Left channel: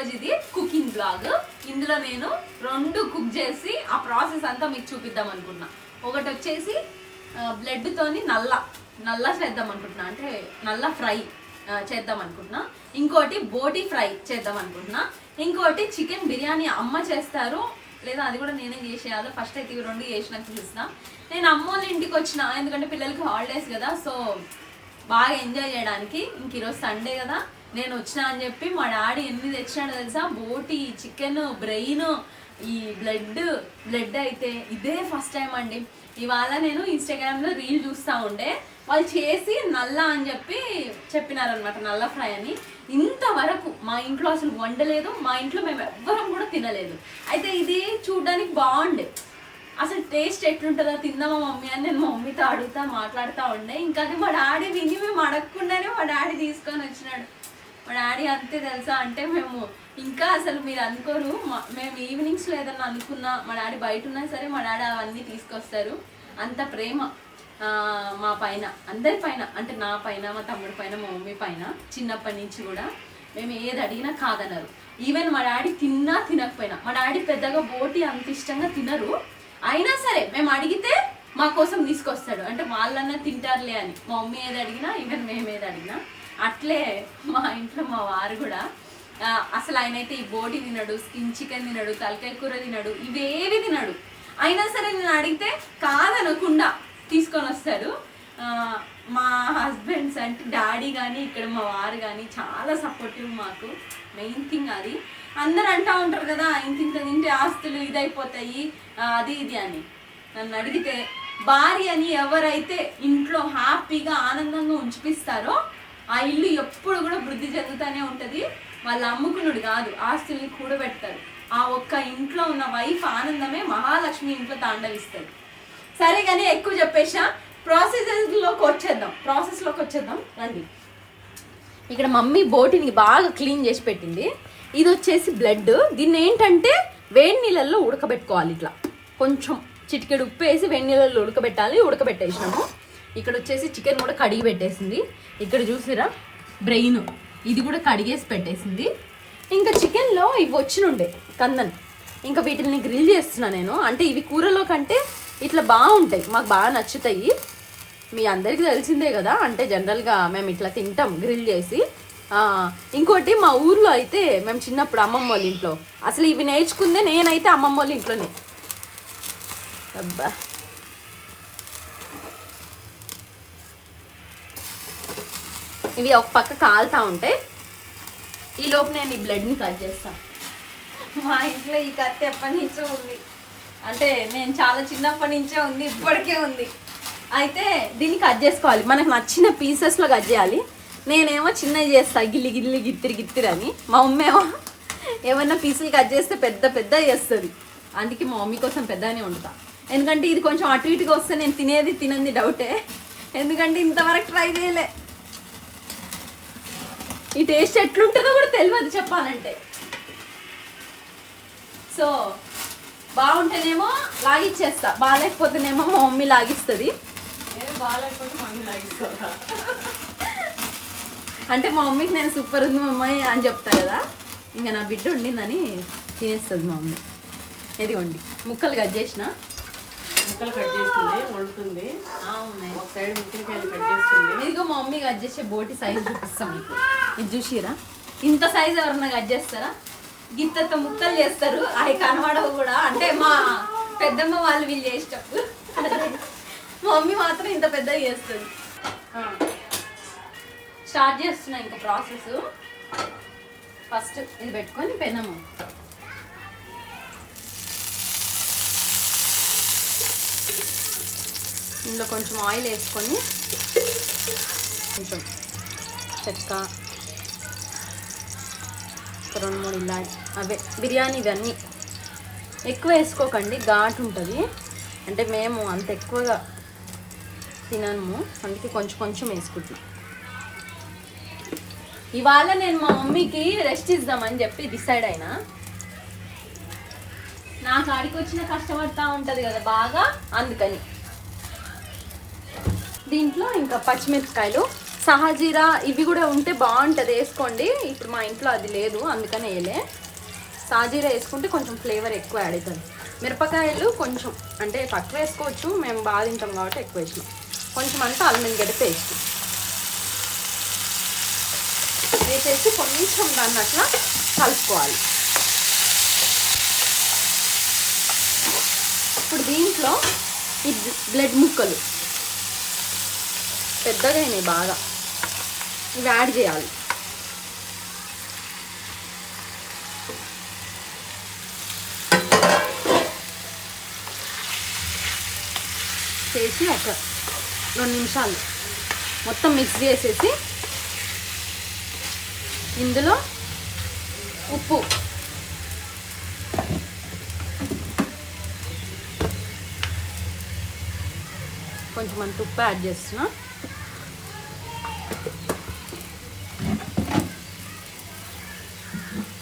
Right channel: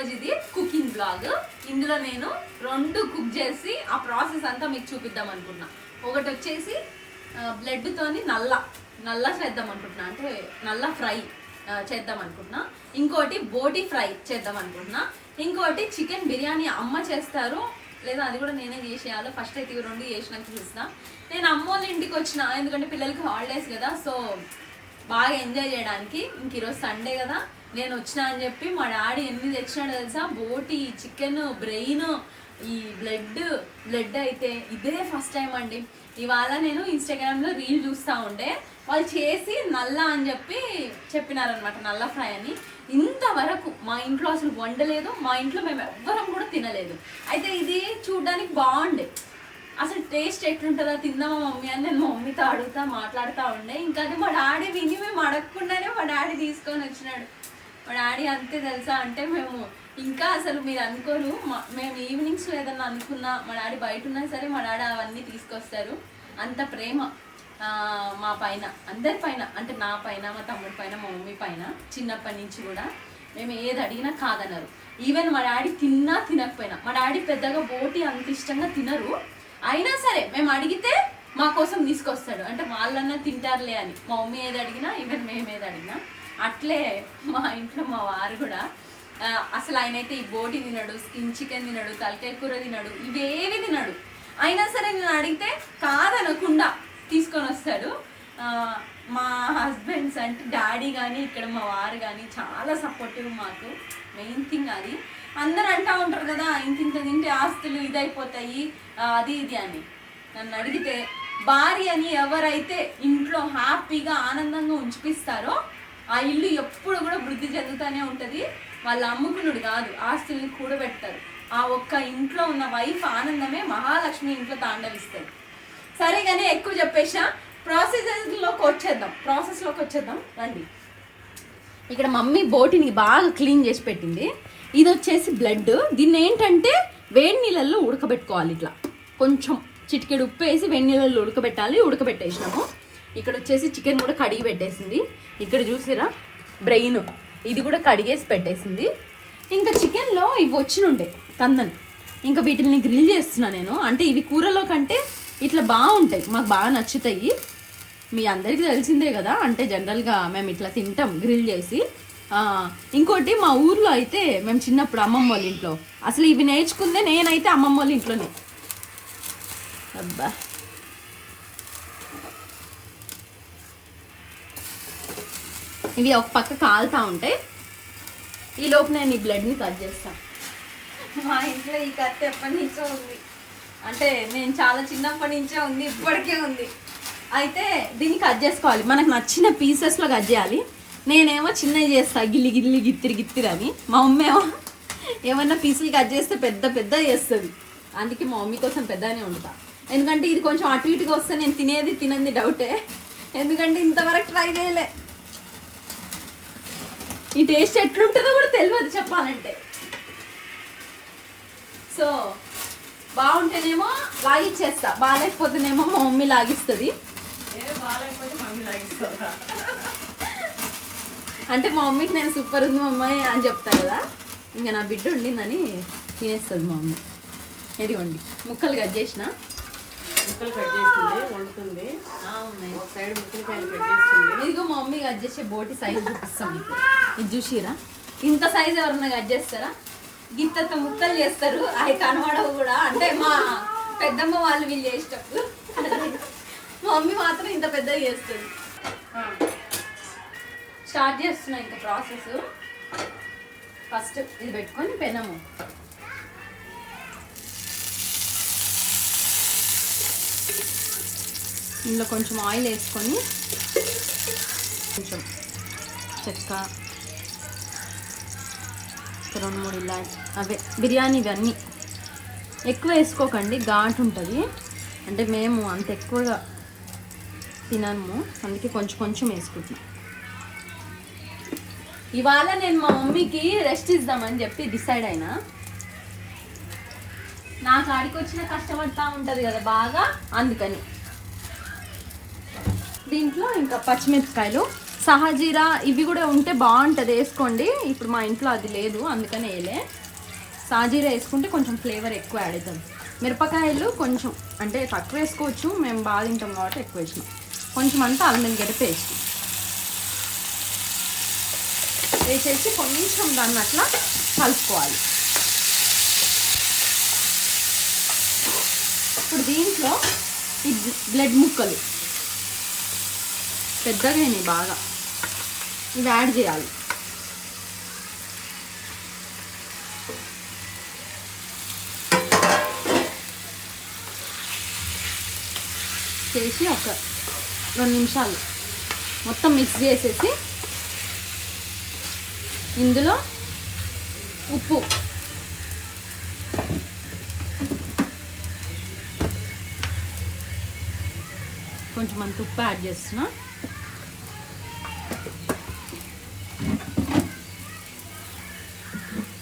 ఈరోజు ఇది cooking blog. ఇందులో నేను 2 కుక్ చేసి ఆ ప్రాసెస్ అంతా మీకు చూపిద్దాం అనుకున్నా. ఒకటి వచ్చేసి బ్లడ్ తోని నల్ల చేద్దాం అనుకుంటున్నా, అంటే నల్ల ఫ్రై చేద్దాం అనుకుంటున్నా. ఇంకోటి బోటి ఫ్రై చేద్దాం అనుకుంటున్నా. ఇంకోటి చికెన్ బిర్యానీ అమ్మ చేస్తారు, లేదా అది కూడా నేనే చేసేయాలి. ఫస్ట్ అయితే ఇవి 2 చేసినాక చూసిన. నేను అమ్మోళ్ళ ఇంటికి వచ్చిన, ఎందుకంటే పిల్లలకి హాలిడేస్ కదా, సో బాగా ఎంజాయ్ చేయడానికి. ఇంక ఈరోజు సండే కదా, నేను వచ్చినా అని చెప్పి మా డాడీ ఎన్ని తెచ్చినాడు తెలుసా? బోటి, చికెన్, బ్రెయిన్, ఈ బ్లడ్ అయితే ఇదే ఫస్ట్ టైం అండి. ఇవాళ నేను ఇన్స్టాగ్రామ్లో రీల్ చూస్తూ ఉండే, వాళ్ళు చేసి నల్ల అని చెప్పినారనమాట, నల్ల ఫ్రై అని. ఇంతవరకు మా ఇంట్లో అసలు వండలేదు, మా ఇంట్లో మేము ఎవ్వరం కూడా తినలేదు. అయితే ఇది చూడడానికి బాగుండే, అసలు టేస్ట్ ఎట్లుంటుందో తిందామా మమ్మీ అని నేను మా మమ్మీతో మాట్లాడుతూ ఉండే. ఇంకా అది మా డాడీ విని మేము అడగకుండానే మా డాడీ తీసుకొని వచ్చినాడు. మా డాడీ అంతే తెలుసా, అంటే మేము ఇంకా అసలు మీరు అనుకోరు, మేము ఈవినింగ్స్లో ఏదన్నా అనుకున్నా మా డాడీ బయట ఉన్నా సరే మా డాడీ అవన్నీ తీసుకొస్తారు. అంత ప్రేమ మా పైన, అందరి పైన, అంటే నా పైన, మా తమ్ముడి పైన, మా మమ్మీ పైన. చిన్నప్పటి నుంచి కూడా మేము ఏది అడిగినా కాదన్నారు. ఈవెన్ మా డాడీ తిన్నా తినకపోయినా, మా డాడీ పెద్దగా బోటి అంత ఇష్టంగా తినరు, అయినా సరే మేము అడిగితే మా కోసం తీసుకొస్తాడు. అంటే వాళ్ళన్నా తింటారులే అని. మా మమ్మీ ఏది అడిగినా, ఈవెన్ మేము ఏది అడిగినా. అట్లే మా ఇంట్లో మా వారు కూడా అసలు ఆయనైతే ఈ బోటి తినడు, స్కిన్ చికెన్ తినడు, తలకాయ కూర తినడు, ఇవేవి తినడు. అయినా సరే నేను అడిగితే కాదనకుండా తీసుకొని వస్తాడు. మా హస్బెండ్స్ అంటే డాడీ కానీ ఇక్కడ మా వారు కానీ చాలా సపోర్టివ్ మాకు. మెయిన్ థింగ్ అది. అందరు అంటూ ఉంటారు కదా, ఇంత తింటే ఆస్తులు ఇదైపోతాయి అది ఇది అని. నన్ను అడిగితే భార్యని ఎవరైతే ఇంట్లో హ్యాపీగా ఆనందంగా ఉంచిపిస్తారో ఆ ఇల్లు ఎప్పుడు కూడా వృద్ధి చెందుతూనే ఉంటుంది. వాళ్ళు అమ్ముకునుడు కాదు, ఆస్తుల్ని కూడబెడతారు. ఆ ఒక్క ఇంట్లో ఉన్న వైఫ్ ఆనందమే మహాలక్ష్మి ఇంట్లో తాండవిస్తుంది. సరే కానీ ఎక్కువ చెప్పేసా, ప్రాసెస్లోకి వచ్చేద్దాం రండి. ఇక్కడ మమ్మీ బోటిని బాగా క్లీన్ చేసి పెట్టింది. ఇది వచ్చేసి బ్లడ్. దీన్ని ఏంటంటే వేడి నీళ్ళల్లో ఉడకబెట్టుకోవాలి. ఇట్లా కొంచెం చిటికెడు ఉప్పు వేసి వేడి నీళ్ళల్లో ఉడకబెట్టాలి. ఉడకబెట్టేసినాము. ఇక్కడ వచ్చేసి చికెన్ కూడా కడిగి పెట్టేసింది. ఇక్కడ చూసిరా బ్రెయిన్, ఇది కూడా కడిగేసి పెట్టేసింది. ఇంకా చికెన్లో ఇవి వచ్చినుండే కందన్, ఇంకా వీటిని గ్రిల్ చేస్తున్నా నేను. అంటే ఇవి కూరలో కంటే ఇట్లా బాగుంటాయి, మాకు బాగా నచ్చుతాయి. మీ అందరికీ తెలిసిందే కదా, అంటే జనరల్గా మేము ఇట్లా తింటాం గ్రిల్ చేసి. ఇంకోటి మా ఊర్లో అయితే మేము చిన్నప్పుడు అమ్మమ్మ వాళ్ళ ఇంట్లో, అసలు ఇవి నేర్చుకుందే నేనైతే అమ్మమ్మ వాళ్ళ ఇంట్లోనే. అబ్బా ఇవి ఒక పక్క కాలుతూ ఉంటాయి. ఈలోపు నేను ఈ బ్లడ్ని కట్ చేస్తాను. మా ఇంట్లో ఈ కత్తి ఎప్పటి నుంచో ఉంది, అంటే నేను చాలా చిన్నప్పటి నుంచే ఉంది, ఇప్పటికే ఉంది. అయితే దీన్ని కట్ చేసుకోవాలి, మనకు నచ్చిన పీసెస్లో కట్ చేయాలి. నేనేమో చిన్నవి చేస్తా, గిల్లి గిత్తిరి అని. మా మమ్మీ ఏమో ఏమన్నా పీసులు కట్ చేస్తే పెద్ద చేస్తుంది. అందుకే మా మమ్మీ కోసం పెద్దగానే వండుతా. ఎందుకంటే ఇది కొంచెం అటు ఇటుగా వస్తే నేను తినంది డౌటే, ఎందుకంటే ఇంతవరకు ట్రై చేయలే. ఈ టేస్ట్ ఎట్లుంటుందో కూడా తెలియదు చెప్పాలంటే. సో బాగుంటేనేమో లాగిచ్చేస్తా, బాగాలేకపోతేనేమో మా మమ్మీ లాగిస్తుంది. అంటే మా మమ్మీకి నేను సూపర్ ఉంది మమ్మీ అని చెప్తా కదా, ఇంకా నా బిడ్డ ఉండిందని తినేస్తుంది మా మమ్మీ. ఇదిగోండి ముక్కలు కట్ చేసిన, వండుతుంది. ఉన్నాయి ఒక సైడ్ ముక్కలు కట్ చేస్తుంది. ఇదిగో మా మమ్మీ కట్ చేసే బోటి సైజ్ చూపిస్తాం మీకు. ఇది చూసిరా, ఇంత సైజ్ ఎవరన్నా కట్ చేస్తారా? గిత్త ముక్కలు చేస్తారు, అవి కనబడవు కూడా. అంటే మా పెద్దమ్మ వాళ్ళు వీళ్ళు చేసేటప్పుడు, మా మమ్మీ మాత్రం ఇంత పెద్దగా చేస్తుంది. స్టార్ట్ చేస్తున్నా ఇంకా ప్రాసెస్. ఫస్ట్ ఇది పెట్టుకొని పెనము, ఇందులో కొంచెం ఆయిల్ వేసుకొని, కొంచెం చెక్క, 2-3 ఇలా అవే బిర్యానీ ఇవన్నీ ఎక్కువ వేసుకోకండి, ఘాటు ఉంటుంది. అంటే మేము అంత ఎక్కువగా తినము, అందుకే కొంచెం వేసుకుంటాం. ఇవాళ నేను మా మమ్మీకి రెస్ట్ ఇద్దామని చెప్పి డిసైడ్ అయినా. నా కాడికి వచ్చిన కష్టపడతా ఉంటుంది కదా బాగా, అందుకని. దీంట్లో ఇంకా పచ్చిమిరపకాయలు సహజీరా ఇవి కూడా ఉంటే బాగుంటుంది, వేసుకోండి. ఇప్పుడు మా ఇంట్లో అది లేదు, అందుకని వేయలే. సాజీరా వేసుకుంటే కొంచెం ఫ్లేవర్ ఎక్కువ యాడ్ అవుతుంది. మిరపకాయలు కొంచెం అంటే తక్కువ వేసుకోవచ్చు, మేము బాగా తింటాం కాబట్టి ఎక్కువ వేసినాం. కొంచెం అంతా అల్లం గడ్డ పేస్ట్ వేసేసి కొంచెం దాన్ని అట్లా కలుపుకోవాలి. ఇప్పుడు దీంట్లో ఈ బ్లడ్ ముక్కలు పెద్దగా అయినాయి బాగా, ఇవి యాడ్ చేయాలి. చేసి ఒక 2 నిమిషాలు మొత్తం మిక్స్ చేసేసి ఇందులో ఉప్పు, కొంచెం అంత ఉప్పు యాడ్ చేస్తున్నా.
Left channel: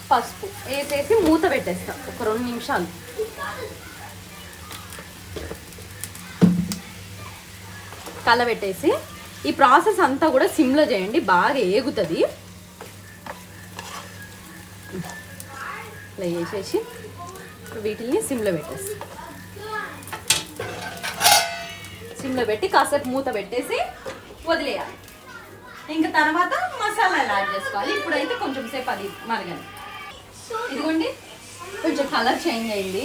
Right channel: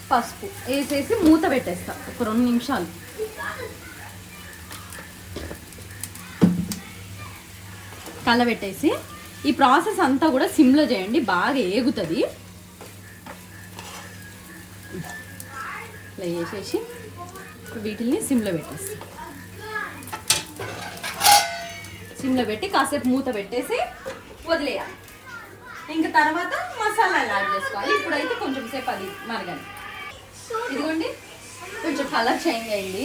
పసుపు వేసేసి మూత పెట్టేస్తా ఒక 2 నిమిషాలు. కలబెట్టేసి ఈ ప్రాసెస్ అంతా కూడా సిమ్లో చేయండి, బాగా ఏగుతుంది. ఇలా వేసేసి వీటిని సిమ్లో పెట్టేసి సిమ్లో పెట్టి కాసేపు మూత పెట్టేసి వదిలేయాలి. ఇంకా తర్వాత మసాలాలు యాడ్ చేసుకోవాలి. ఇప్పుడైతే కొంచెం సేపు అది మరగని. ఇదిగోండి కొంచెం కలర్ చేంజ్ అయింది.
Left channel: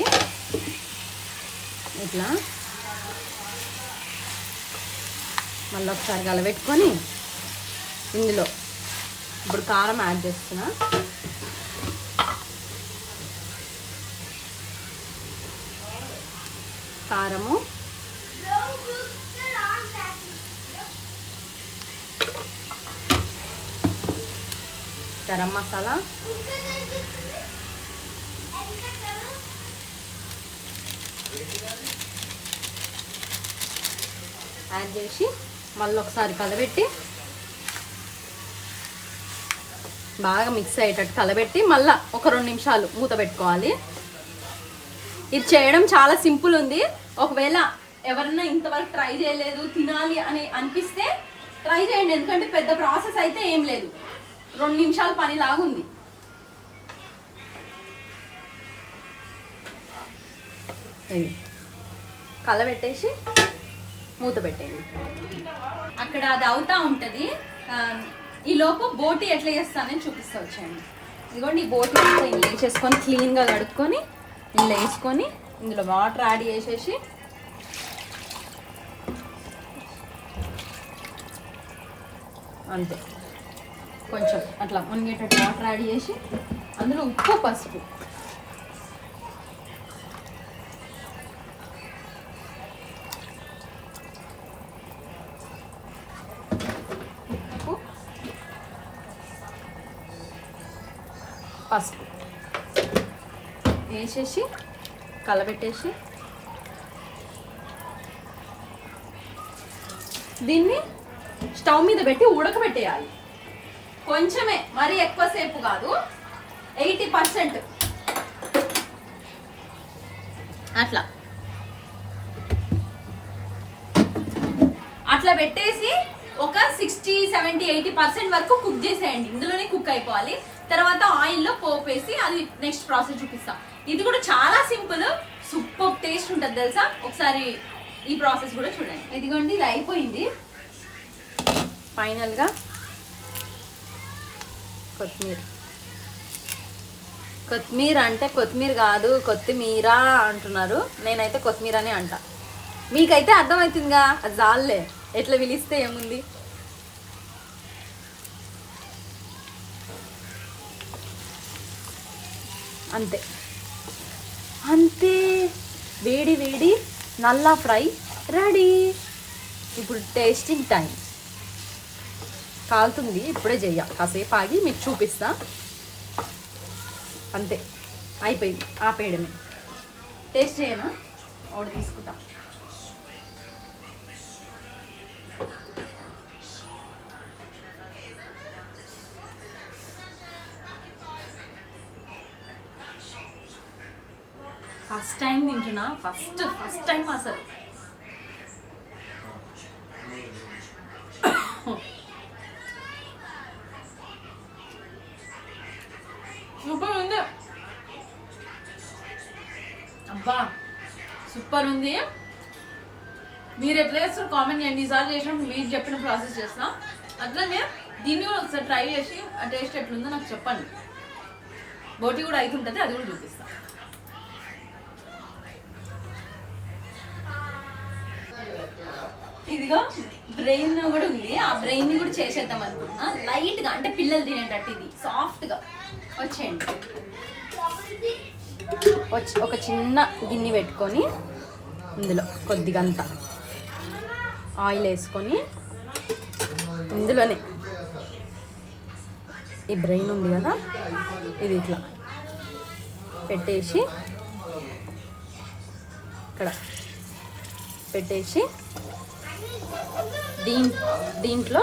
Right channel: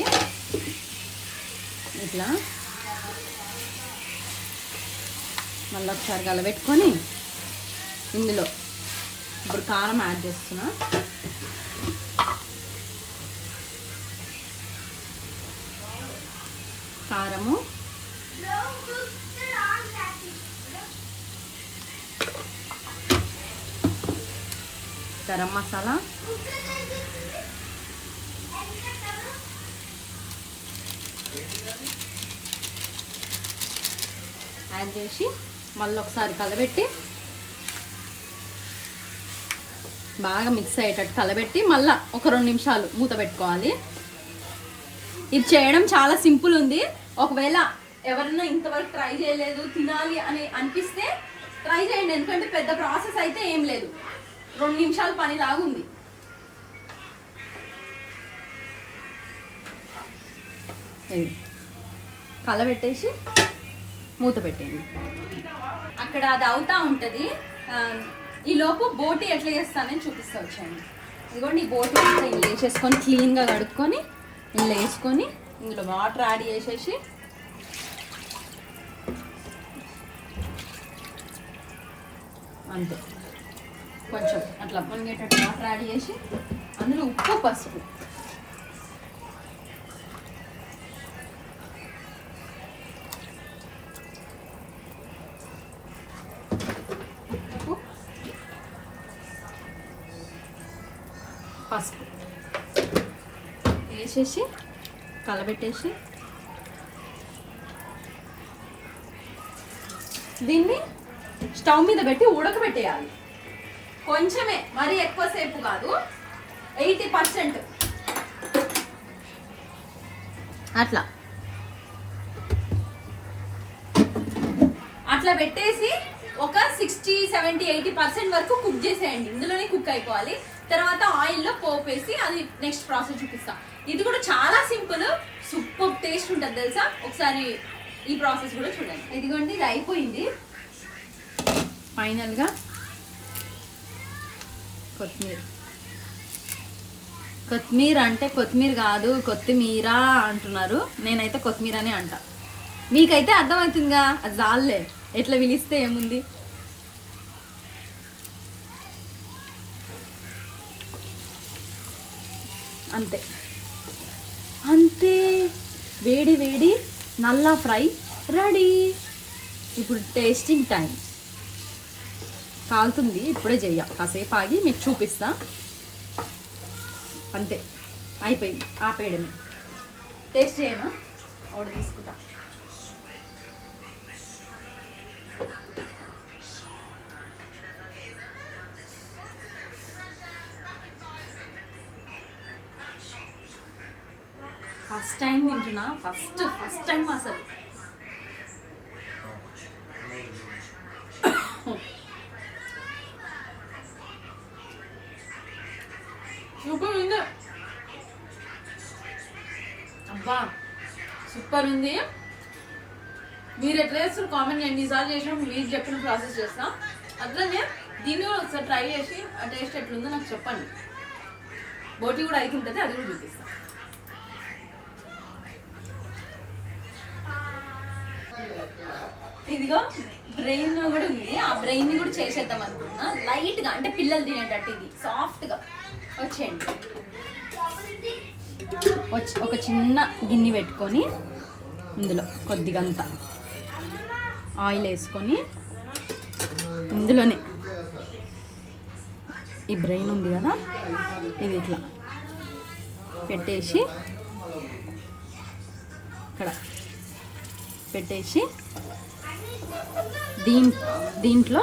ఇట్లా మళ్ళీ ఒకసారి కలబెట్టుకొని ఇందులో ఇప్పుడు కారం యాడ్ చేస్తున్నా. కారము, గరం మసాలా, యాడ్ చేసి మళ్ళీ ఒకసారి కలబెట్టి బాగా మిక్స్ అయ్యేటట్టు కలబెట్టి మళ్ళీ ఒక 2 నిమిషాలు మూత పెట్టుకోవాలి. ఇది చేయడం చాలా సింపుల్ ఉంది. ఒకవేళ ఎవరన్నా ఇంతవరకు ట్రై చేయలేదు, తినాలి అని అనిపిస్తే ట్రై చేయండి. ఎందుకంటే పెద్ద ప్రాసెస్ అయితే ఏం లేదు, 2 నిమిషాల పని లాగుంది. కలబెట్టేసి మూత పెట్టేయండి. అక్కడ అది అవుతా ఉంటుంది. ఈ లోపు బోటి ఎట్లా చేస్తానని చూపిస్తా వచ్చాయండి. ఇదిగోండి ఈ బోటి అంతా ఇలా వేసేసుకొని క్లీన్గా కడుక్కొని ఇలా వేసుకొని ఇందులో వాటర్ యాడ్ చేసేసి అంతే కొంచెం అట్లా మునిగేటట్టు వాటర్ యాడ్ చేసి అందులో ఉప్పు, పసుపు, పసుపు వేసేసి కలబెట్టేసి దీన్ని స్టవ్ మీద పెట్టి ఉడకబెట్టేయాలి. కొంచెమే, మరీ ఎక్కువసేపు కాదు, 80% అట్లా అట్లా పెట్టేసి ఒక 60, 70, 80% వరకు కుక్ చేసేయండి. ఇందులోనే కుక్ అయిపోవాలి. తర్వాత ఆయిల్లో పోపు వేసి అది నెక్స్ట్ ప్రాసెస్ చూపిస్తాం. ఇది కూడా చాలా సింపుల్, సూపర్ టేస్ట్ ఉంటుంది తెలుసా. ఒకసారి ఈ ప్రాసెస్ కూడా చూడండి. ఇదిగోండి ఇది అయిపోయింది. ఫైనల్గా కొత్తిమీర, కొత్తిమీర అంటే కొత్తిమీర కాదు కొత్తిమీర అంటున్నారు, నేనైతే కొత్తిమీర అని అంటా. మీకైతే అర్థమవుతుందిగా, అది చాలులే, ఎట్లా పిలిస్తే ఏముంది. అంతే అంతే, వేడి వేడి నల్ల ఫ్రై రెడీ. ఇప్పుడు టేస్టింగ్ టైం. కాలుతుంది, ఇప్పుడే చెయ్య, కాసేపు ఆగి మీకు చూపిస్తా. అంతే అయిపోయింది, ఆపేయడమే. టేస్ట్ చేయనా, ఒకటి తీసుకుంటా. ఫస్ట్ టైం తింటున్నా, ఫస్ట్ టైం అసలు. సూపర్ ఉంది. అబ్బా సూపర్ ఉంది. మీరు ఎట్లా చేస్తారు కామెంట్ చేయండి. ఈసారి చేసినప్పుడు మీరు చెప్పిన ప్రాసెస్ చేస్తా. అట్లనే దీన్ని కూడా ఒకసారి ట్రై చేసి ఆ టేస్ట్ ఎట్లుందో నాకు చెప్పండి. బోటి కూడా అవుతుంటుంది, అది కూడా చూపిస్తా. ఇదిగో బ్రెయిన్ కూడా ఉంది. ఆ బ్రెయిన్ ని కూడా చేసేద్దాం అనుకున్నా. లైట్ గా అంటే పిల్లలు తినేటట్టు ఇది సాఫ్ట్ గా వచ్చేయండి. వచ్చి ఒక చిన్న గిన్నె పెట్టుకొని ఇందులో కొద్దిగా అంత ఆయిల్ వేసుకొని ఇందులోనే ఈ బ్రెయిన్ ఉంది కదా ఇది ఇట్లా పెట్టేసి ఇక్కడ పెట్టేసి దీంట్లో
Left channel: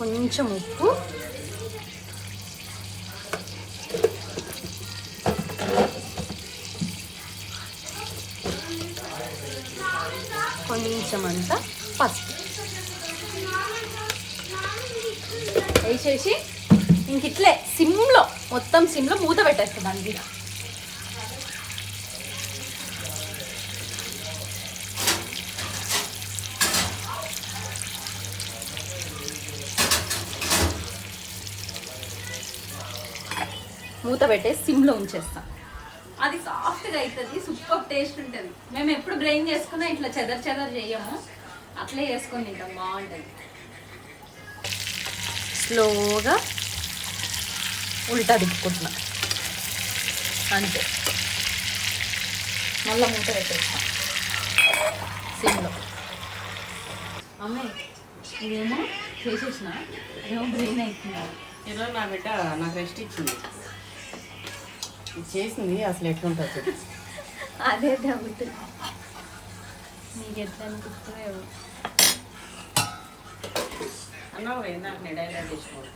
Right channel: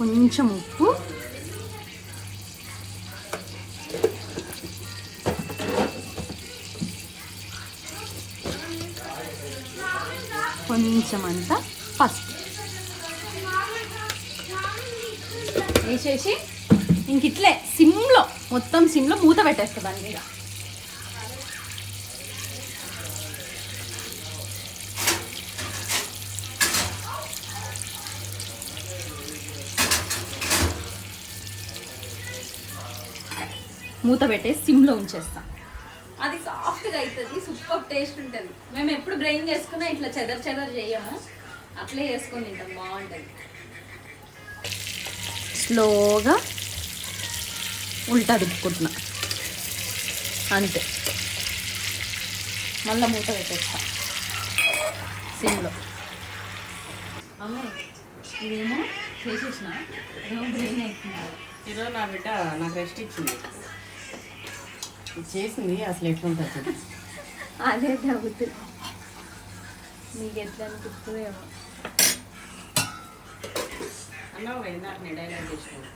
కొంచెం ఉప్పు, కొంచెం అంతా పసుపు వేసేసి ఇంక ఇట్లే సిమ్లో మొత్తం సిమ్లో మూత పెట్టేస్తా దాని మీద. మూత పెట్టేసి సిమ్లో ఉంచేస్తాం. అది సాఫ్ట్గా అవుతుంది, సూపర్ టేస్ట్ ఉంటుంది. మేము ఎప్పుడు బ్రెయిన్ చేసుకున్నా ఇట్లా చెదర్ చేయము, అట్లే చేసుకొని తింటాం, బాగుంటుంది. స్లోగా ఉల్టా తిప్పుకుంటున్నాం అంతే. మళ్ళీ మూత పెట్టేస్తాం సిమ్లో. అమ్మాయి ఇదేమో చేసేసిన, ఏమో బ్రెయిన్ అవుతున్నారు. ఈరోజు నా బిడ్డ నాకు రెస్ట్ ఇచ్చింది, చేసింది. అసలు ఎట్లుంటుంది చెప్పి అదే తగ్గుతుంది. నీకు ఎట్లా అనిపిస్తుంది అన్నావు కదా నాకు నేను డైలాగ్ చేసినావు.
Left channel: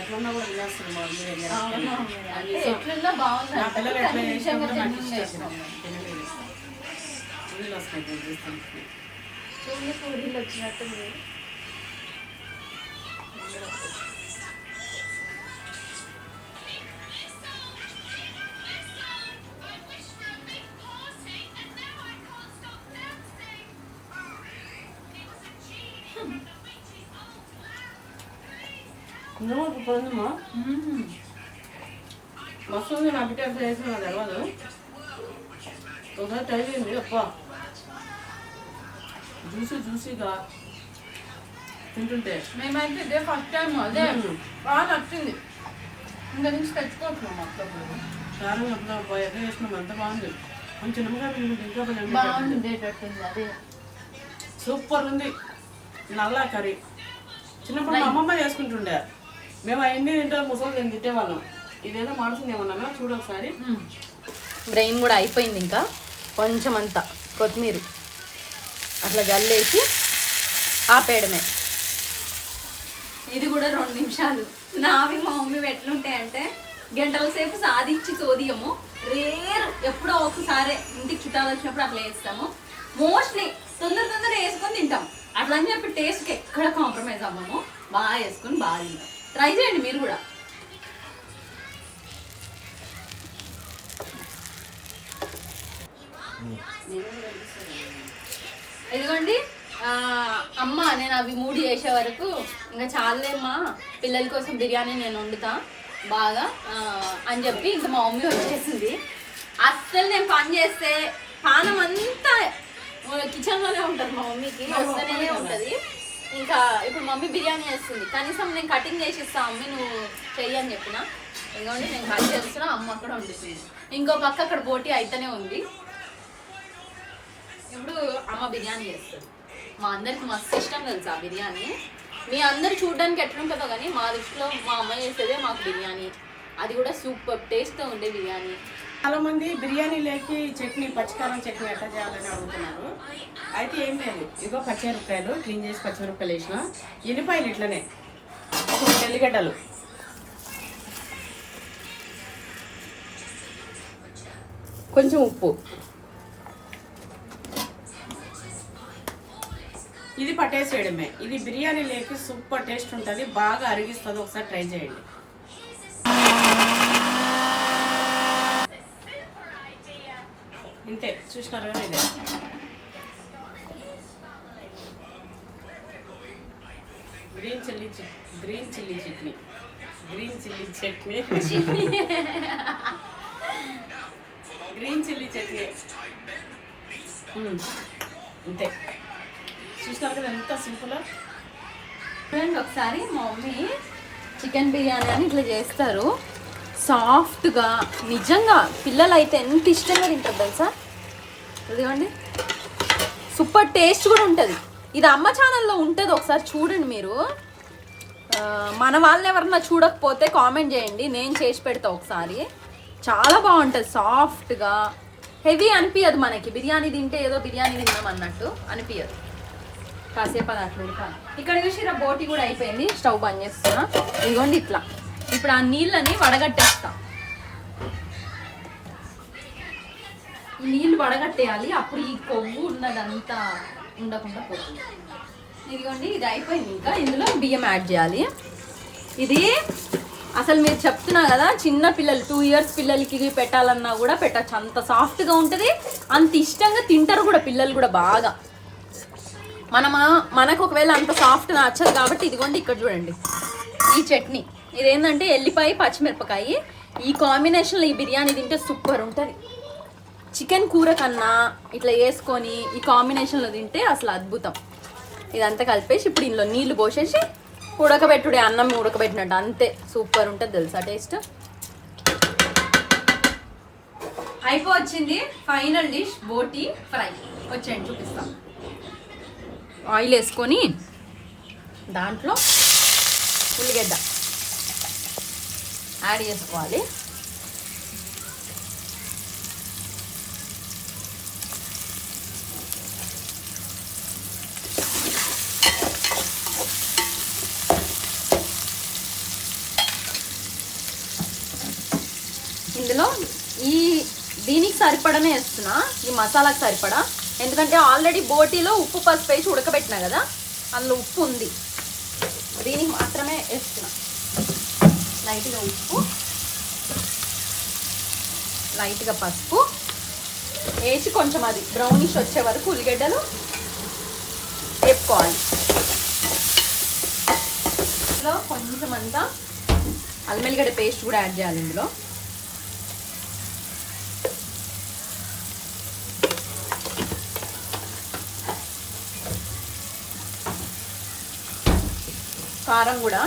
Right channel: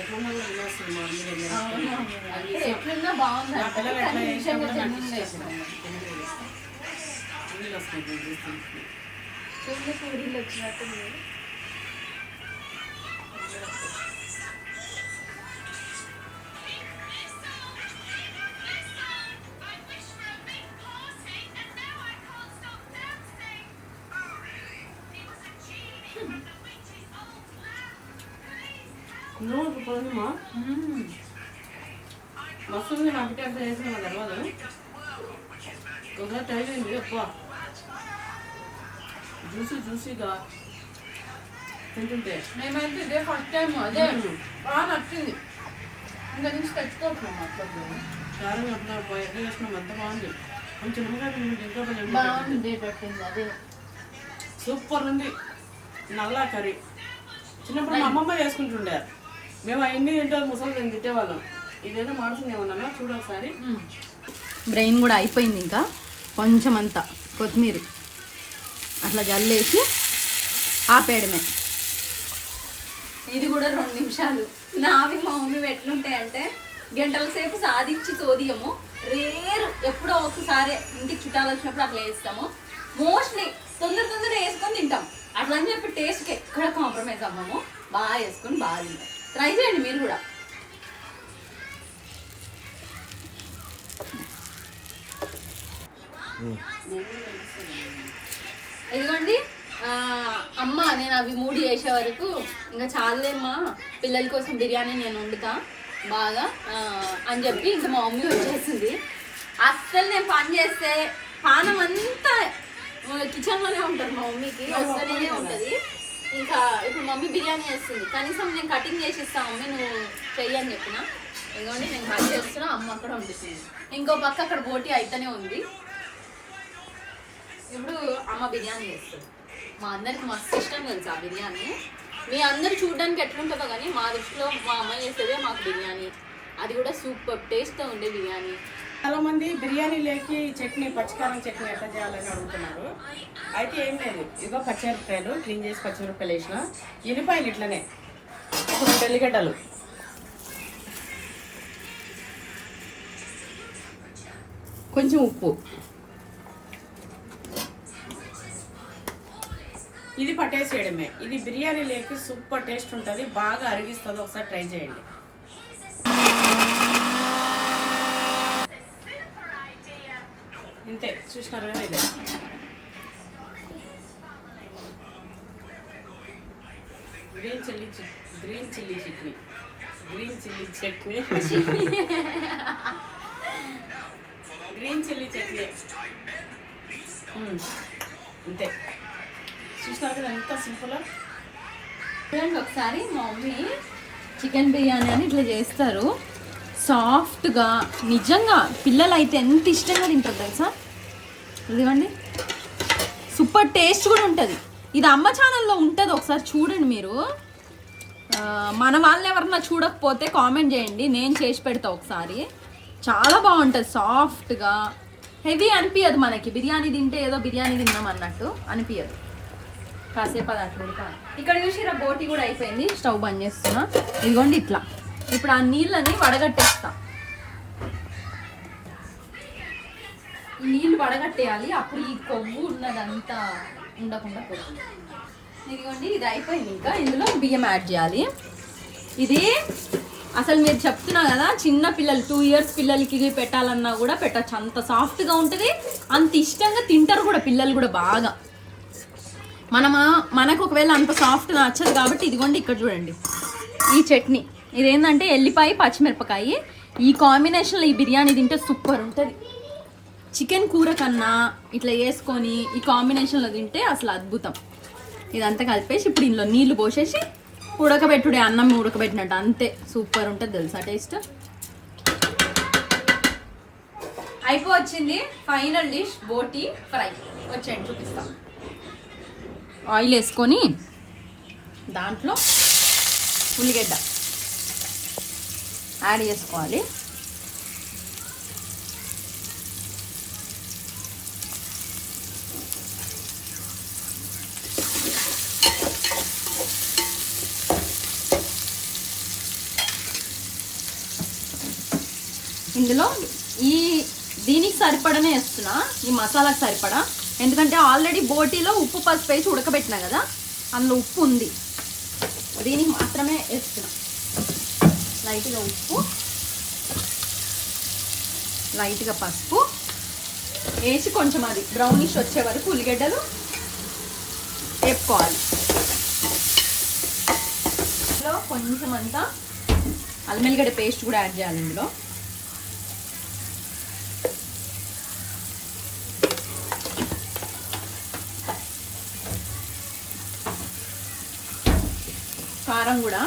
ఎట్లున్నా కూడా వెళ్ళేస్తుంది మా మమ్మీ దగ్గర. ఎట్లున్నా బాగుంది. నా పిల్లలు ఎట్లా చేసినా నాకు ఇష్టం. నీళ్ళు వస్తున్నాయి చెల్లి పూరీలు వచ్చినట్టుంది. పోయిందమ్మా, మస్తు ఉంది. నా బిడ్డ ఎంత చేసిన నాకు తెలియదు. ఒకసారి ట్రై చేయండి. అప్ప జ్యూసీగా తింటుంటే మేమైతే ఇదే ఫస్ట్ టైం. అదే బాగా నచ్చింది. ఇంకా నుంచి తెచ్చుకోవట్లేదు అప్పుడు. కారం ఎట్లా ఎట్లా చేసినాం, ఎంత బాగుంది. కొంచెం ఇంకా బాగుంది. అదే సూపర్ ఉంది. నల్లా కర్రీ చిన్నప్పుడు మా అమ్మమ్మ చేసుకుంటుండే. మేము అవన్నీ తింటే ముసలి నేను తిట్టేవాళ్ళం. ఇదేదో మాడుతుంది ఏమన్నా చూడు ఒకసారి. బ్రెయిన్ కూడా అయిపోయింది. ఇంకా కొంచెం అంతా కొత్తిమీర అట్లా గల్లేసి ఆపేయడమే. ఇది కూడా 2 నిమిషాలు. నావి మా మమ్మీ ఎట్లుంటాయంటే గంటల సేపు సాధించి తోదియము. రేరు ఎప్పుడో ఒకసారి ఇంటికి చుట్టాలు వచ్చినప్పుడు అట్లా వేస్తాము. మోస్ట్లీ తొందర వేసుకొని తింటాం. అట్లా అని చెప్పి టేస్ట్కి ఎక్కడ కాంప్రమైజ్ అవ్వము. బాగా వేసుకొని బాగా తింటాం. ట్రై చేయండి మీరు కూడా. ఇదిగోండి అమ్మ, నేను అవి 3 చేసే వరకు ఇంకా చాలేమ్మా, పిల్లల కోసం బిర్యానీ నేను వండుతా బాగా అని చెప్పి ఇంకా మా మమ్మీ వచ్చేసింది. అస్సలు నేను పని చేస్తే పానం అంతా కిచెన్లోనే ఉంటుంది. మా మమ్మీకి వస్తూనే ఉంటుంది. ఇంకా ఇప్పుడు మమ్మీ బిర్యానీ చేస్తుంది. కనీసం నేను కటింగ్ చేసి ఇస్తాను మమ్మీ, నువ్వు చెయ్యి అని చెప్పిన. ఇదిగోండి నేను కట్ చేస్తున్నా, అమ్మ అక్కడ వండుతుంది. ఇంకో పక్క అక్కడ బోటి అయితేనే ఉంది. ఇప్పుడు అమ్మ బిర్యానీ చేస్తుంది. మా అందరికి మస్తు ఇష్టం తెలుసా బిర్యానీ. మీ అందరు చూడడానికి ఎట్లుంటుందో కానీ మా దృష్టిలో మా అమ్మ చేసేదే మాకు బిర్యానీ. అది కూడా సూపర్ టేస్ట్తో ఉండే బిర్యానీ. చాలా మంది బిర్యానీ లేకి చట్నీ, పచ్చికారం చట్నీ ఎట్లా చేయాలని అడుగుతున్నారు. అయితే ఏం లేదు, ఇదిగో పచ్చిమిరపకాయలు క్లీన్ చేసి పచ్చిమిరపకాయలు వేసిన, ఎల్లిపాయలు ఇట్లనే, తెల్లిగడ్డలు, కొంచెం ఉప్పు. ఇది పట్టేసేయడమే. ఇది బిర్యానీ లేకి సూపర్ టేస్ట్ ఉంటుంది, బాగా అరిగిస్తుంది. ఒకసారి ట్రై చేయండి. ఇంతే, చూసినారు కదా. ఇదే green chilli chutney. Green chilli chutney. అంతే, చూసినారు కదా ఎంత సింపుల్. చూడండి ఒకసారి మా మమ్మీ చికెన్ బిర్యానీ అని ఇట్లా చేస్తారు, సాఫ్ట్గా. నిజంగా పిల్లలు అయితే ఎంత ఇష్టంగా తింటారు తెలుసా. ఇదిగోండి, సూపర్ టేస్ట్ కూడా ఉంటుంది. ఇది అమ్మ ఛానల్లో ఉంటుంది, ఒకసారి చూడండి మీరు. మన వాళ్ళు ఎవరన్నా చూడకపోతే కామెంట్ చేయండి, నేను చేసి పెడతా ఒకసారి. చాలా బాగుంటుంది, సాఫ్ట్గా. హెవీ అనిపించదు మనకి. బిర్యానీ తింటే ఏదో బిర్యానీ తిన్నాం అన్నట్టు అనిపించదు. కాసేపు అది అట్లా ఉడకాలి. ఇక్కడ చూసి బోటి కూడా అయిపోయింది, స్టవ్ బంద్ చేస్తున్నా. ఇదిగోండి ఇట్లా. ఇప్పుడు ఆ నీళ్ళని వడగట్టేస్తా. ఈ నీళ్ళు వడగట్టేయాలి, అప్పుడు ఈ కొవ్వు ఉన్నదంతా ఉండకుండా పోతుంది. ఇదిగోండి ఇది అయిపోయింది. ఇంకా ఇందులో బియ్యం యాడ్ చేయాలి. ఇది అసలు మీరు చెప్తున్నా కదా, చిన్న పిల్లలు 2 years పిల్లలకి పెట్టాలన్నా కూడా పెట్టచ్చు. అంత సాఫ్ట్గా ఉంటుంది, అంత ఇష్టంగా తింటారు కూడా పిల్లలు కూడా బాగా. మనకు ఒకవేళ అంత సాఫ్ట్ నచ్చదు కాబట్టి ఇదిగోండి ఇక్కడ చూడండి ఈ చట్నీ. ఇదేంటంటే ఎల్లిపాయ పచ్చిమిరపకాయ, ఈ కాంబినేషన్లో ఈ బిర్యానీ తింటే సూపర్ ఉంటుంది. చికెన్ కూర కన్నా ఇట్లా వేసుకొని ఈ కాంబినేషన్లో తింటే అసలు అద్భుతం. ఇదంతా కలిపేసి ఇప్పుడు ఇందులో నీళ్లు పోసేసి ఉడకబెట్టుడే, అన్నం ఉడకబెట్టినట్టు. అంతే, సూపర్ ఉంటుంది తెలుసా టేస్ట్. అయిపోవచ్చింది ఫైనల్ డిష్, బోటి ఫ్రై. వచ్చేయండి చూపిస్తాం. ఆయిల్ వేసుకొని దాంట్లో ఉల్లిగడ్డ యాడ్ చేసుకోవాలి. ఇందులో దీనికి సరిపడనే వేస్తున్నా, ఈ మసాలాకి సరిపడా. ఎందుకంటే ఆల్రెడీ బోటీలో ఉప్పు పసుపు వేసి ఉడకబెట్టినా కదా, అందులో ఉప్పు ఉంది. దీనికి మాత్రమే వేస్తున్నా. లైట్గా ఉప్పు, లైట్గా పసుపు వేసి కొంచెం అది బ్రౌనిష్ వచ్చే వరకు ఉల్లిగడ్డలు వేపుకోవాలి. ఇందులో కొంచెం అంతా అల్లం వెల్లిగడ్డ పేస్ట్ కూడా యాడ్ చేయాలి. ఇందులో కారం కూడా.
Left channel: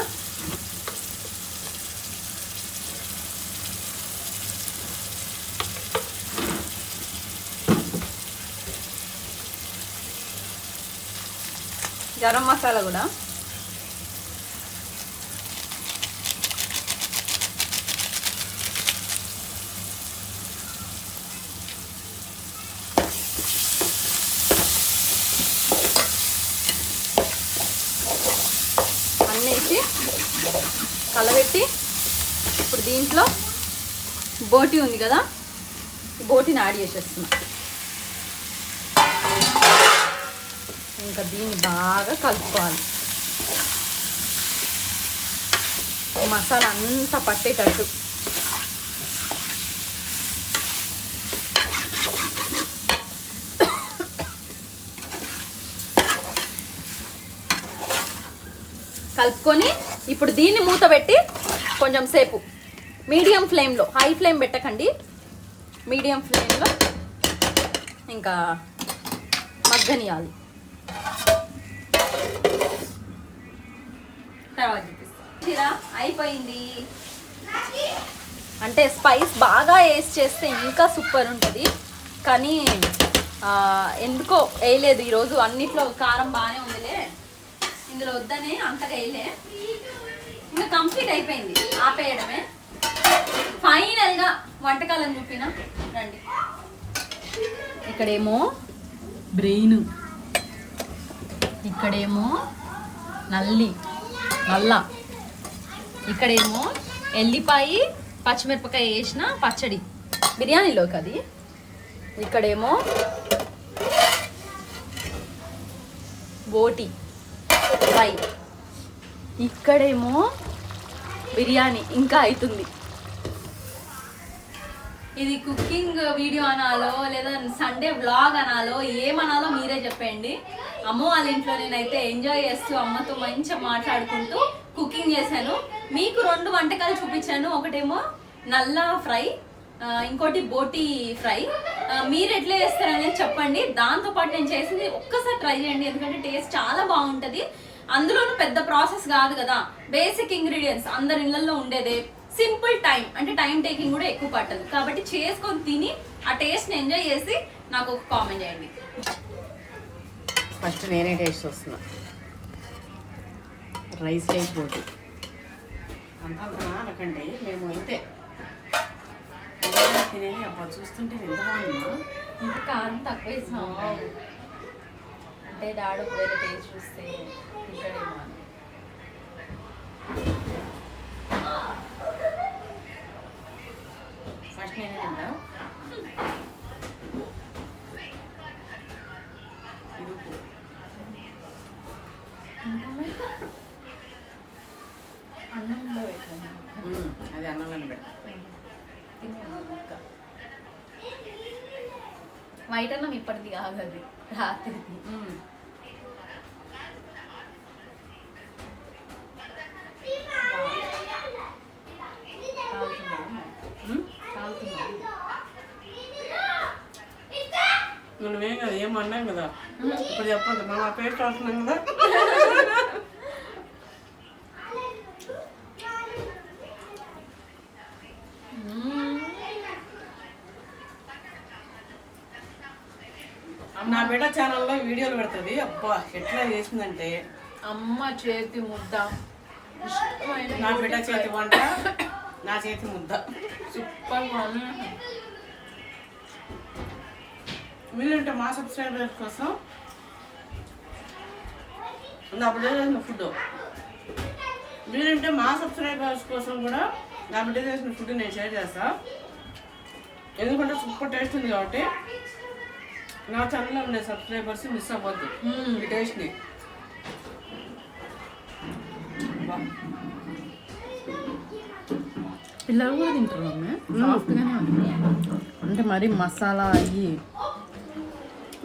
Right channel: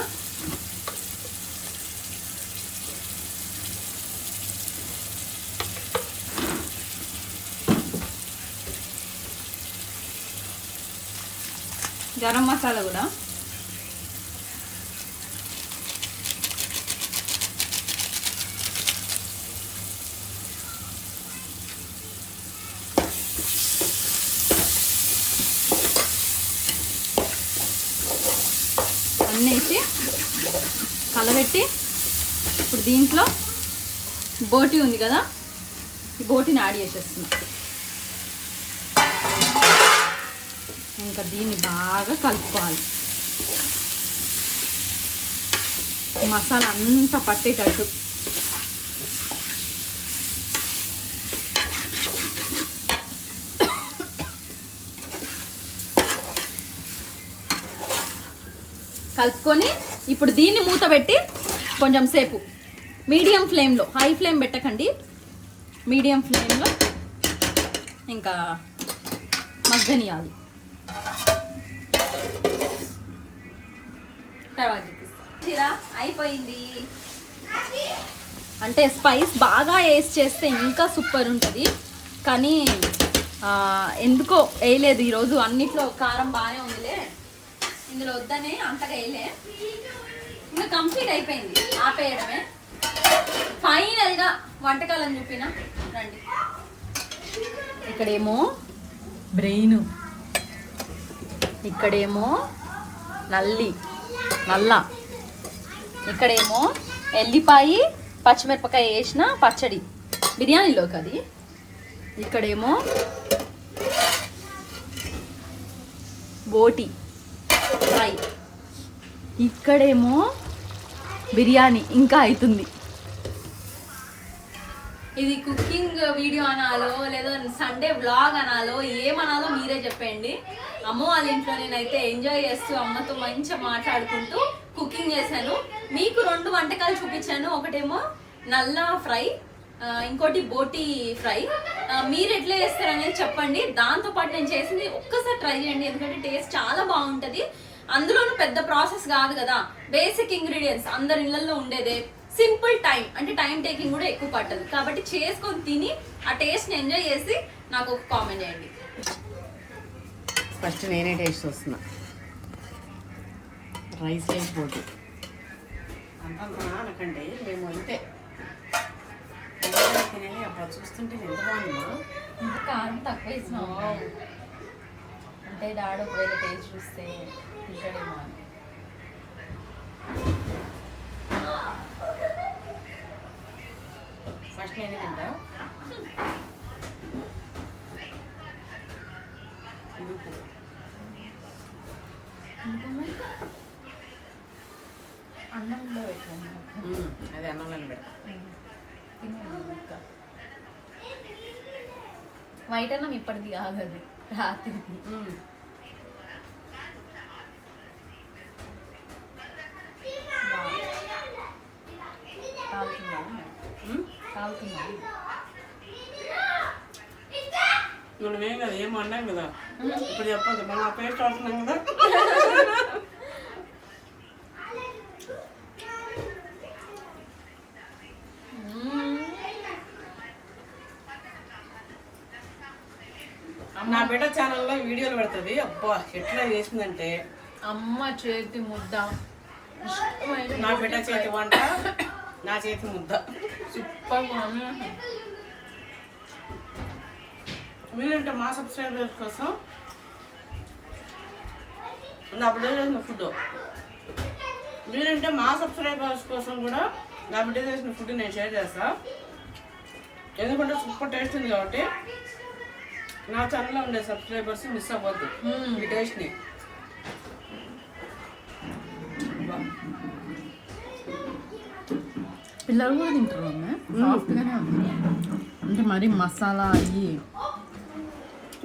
గరం మసాలా కూడా. అన్నేసి కలబెట్టి ఇప్పుడు దీంట్లో బోటి ఉంది కదా, ఈ బోటిని యాడ్ చేసేస్తున్నాం. ఇంకా దీన్ని బాగా కలుపుకోవాలి. మసాలా అంతా పట్టేటట్టు. కలుపుకొని ఇప్పుడు దీన్ని మూత పెట్టి కొంచెం సేపు మీడియం ఫ్లేమ్లో, హై ఫ్లేమ్ పెట్టకండి, మీడియం ఫ్లేమ్లో ఇంకా మగ్గనియాలి. తర్వాత చూపిస్తా. అయిపోయింది. అంటే స్పైస్ బాగా వేసి చేస్తే ఇంకా సూపర్ ఉంటుంది, కానీ ఎందుకో వేయలేదు ఈరోజు. అన్నిట్లో కారం బాగానే ఉందిలే, ఇందులో వద్దనే అంతగా వేయలే. ఇంకా కంప్లీట్ అయిపోయింది, ఆపేయడమే. ఫైనల్గా వంటకాలను చూపినా రండి. ఇక్కడేమో బ్రెయిన్, ఇక్కడేమో నల్ల, ఇక్కడేమో ఎల్లిపాయ పచ్చిమిరపకాయ వేసిన పచ్చడి బిర్యానీలోకి. అది ఇక్కడేమో బోటి ఫ్రై, ఇక్కడేమో బిర్యానీ ఇంకా అవుతుంది. ఇది కుకింగ్ వీడియో అనాలో లేదా సండే వ్లాగ్ అనాలో ఏమనాలో మీరే చెప్పండి. అమ్మ వాళ్ళ ఇంట్లో నేనైతే ఎంజాయ్ చేస్తూ అమ్మతో మంచిగా మాట్లాడుకుంటూ కుకింగ్ చేశాను. మీకు 2 వంటకాలు చూపించాను. ఒకటేమో నల్ల ఫ్రై, ఇంకోటి బోటి ఫ్రై. మీరు ఎట్లా చేస్తారనేది చెప్పండి. దాంతోపాటు నేను చేసింది ఒక్కసారి ట్రై చేయండి, ఎందుకంటే టేస్ట్ చాలా బాగుంటుంది. అందులోనూ పెద్ద ప్రాసెస్ కాదు కదా, బేసిక్ ఇంగ్రీడియంట్స్ అందరి ఇళ్లలో ఉండేదే, సింపుల్ టైం, అంటే టైం టేకింగ్ కూడా ఎక్కువ పట్టదు. కాబట్టి చేసుకొని తిని ఆ టేస్ట్ని ఎంజాయ్ చేసి నాకు ఒక కామెంట్ చేయండి. ఫస్ట్ వేరే టేస్ట్ వస్తుంది. రైస్ రైస్ బోటి అంతా అనకండి, మేము అంతే తినేది. అబ్బా చూస్తుంటే ఎంత బాగుందో. ఇంకా కారం తక్కువ వేసినావు అంటే డాడీ ఒకవేళ టేస్ట్ చూస్తే తింటాడేమో అని. ఫస్ట్ నేనే తింటా. అన్నంలో పెట్టండి, అది అన్నంలో పెడతా. వైట్ అన్నం ఇప్పటిది కాదు, అది రాత్రిది. మనమేం కదా ఏం అన్నాం కదా, ఇప్పుడు చెప్పదు మనం ఆ పేస్ట్ అవుతున్నాం కదా. నా బిడ్డ ఛానల్లో వీడియోలు పెడుతుంది. అబ్బా ఎట్లా చేసిందంటే అమ్మ చేతి ముద్ద, నా బిడ్డ చేతి వంట, నా చేతి ముద్ద సూపర్. మీరంటే మా సబ్స్క్రైబర్స్ కోసం నా బిడ్డ చేసిన ఫుడ్, మీరంటే మా సబ్స్క్రైబర్స్ కోసం కూడా నా బిడ్డ చేసిన ఫుడ్ నేను షేర్ చేస్తా. ఎందుకంటే సూపర్ టేస్ట్ ఉంది కాబట్టి నా ఛానల్లో ఉండే సబ్స్క్రైబర్స్ మిస్ అవ్వద్దు ఈ టేస్ట్ని. పిల్లలు కూడా తింటారు అమ్మ, సాఫ్ట్గానే ఉంది. అంటే మరి మసాలా అయ్యి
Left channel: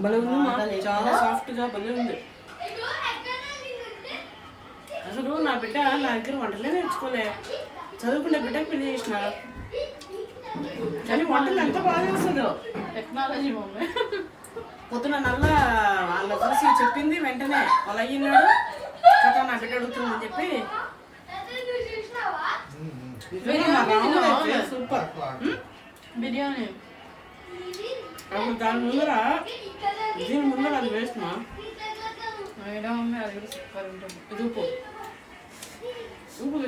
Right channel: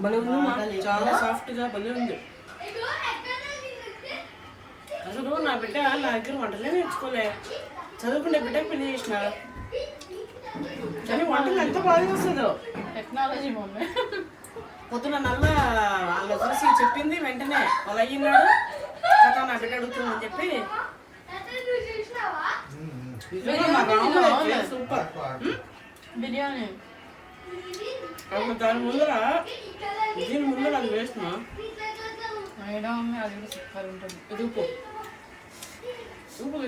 భలే ఉంది, చాలా సాఫ్ట్గా భలే ఉంది. అసలు నా బిడ్డ నా దగ్గర వంటలే నేర్చుకోలే, చదువుకునే బిడ్డకి పెళ్లి చేసిన, కానీ వంటలు ఎంత బాగా చేస్తుందో. Technology mummy. పొద్దున నల్లా వాళ్ళ చూసి చెప్పింది, వెంటనే వాళ్ళు అయ్యిన్నాడు కదా నా బిడ్డ అడుగుతుందని చెప్పి సూపర్ బిర్యానీ. అప్పుడు దాని ముందర దీని ముందర అది వేస్తున్నా అది కూడా సూపర్ ఉంటుంది. ఇది ఉప్పు ఉప్పు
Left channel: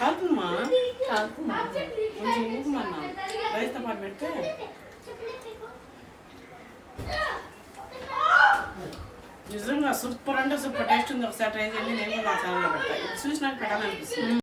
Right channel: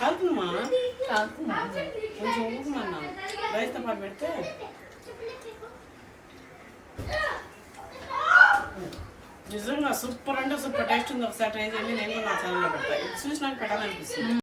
కాలుతుందమ్మా, కొంచెం ఉప్పు అన్నాను రైస్తో పాటు పెడితే. నిజంగా సూపర్ అంటే సూపర్ టేస్ట్ ఉంది. ఒకసారి ట్రై చేయండి, నేను కూడా నా ఛానల్లో పెడతా. ఇది చూసి నాకు పెట్టాలనిపిస్తుంది.